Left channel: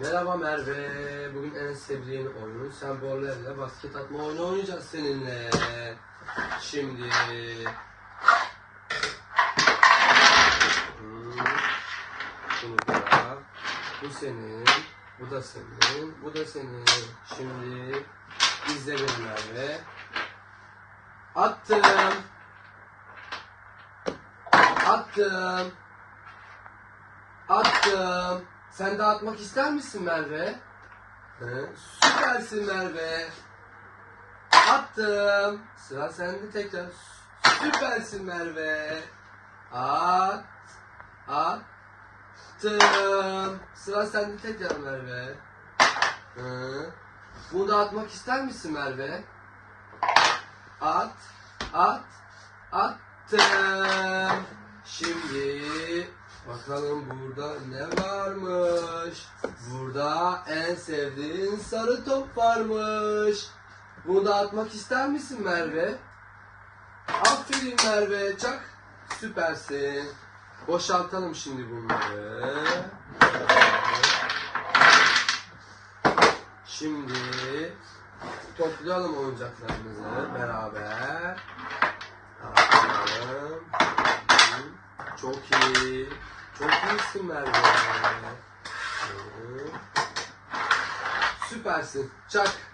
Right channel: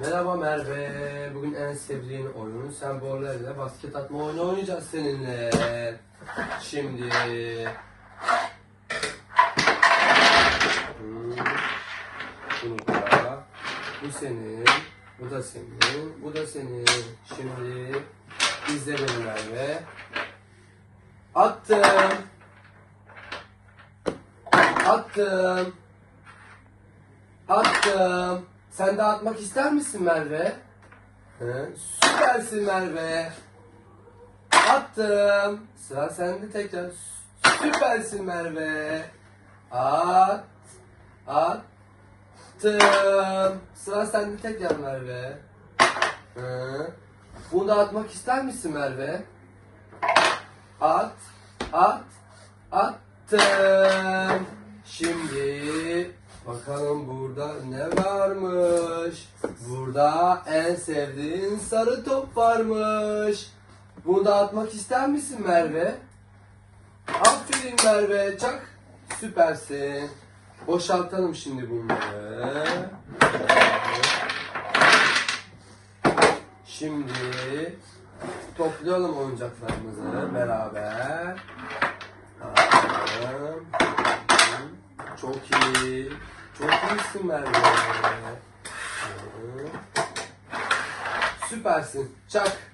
Merhaba Merve. Bugün en sevdiğin oyun sembollerle basket atma oyunu oynayacağız seninle. Şimdi. Hmm. Bu senin. Bu da senin. Bu da senin. Şimdi izle beni Merve. Attım. Attım. Attım. Sen de atmak ister misin Merve? He? Süpersin Merve. Attım. Sıra sende tekrar. Süpersin Merve. At. Attım. Sıra sende tekrar Merve. He? Bunu da atmak ister misin Merve? At. At. Attım. Şimdi bakalım burada ne varmış. Burada en sevdiğin sarı top varmış. Bunu da atmak ister misin Merve? Aferin Merve. Çak. Süpersin. Boşaltalım şimdi bunları. Şimdi toplayalım oyuncaklarımızı beraber. Çok iyi. Çok iyisin Merve. Süpersin. Çak.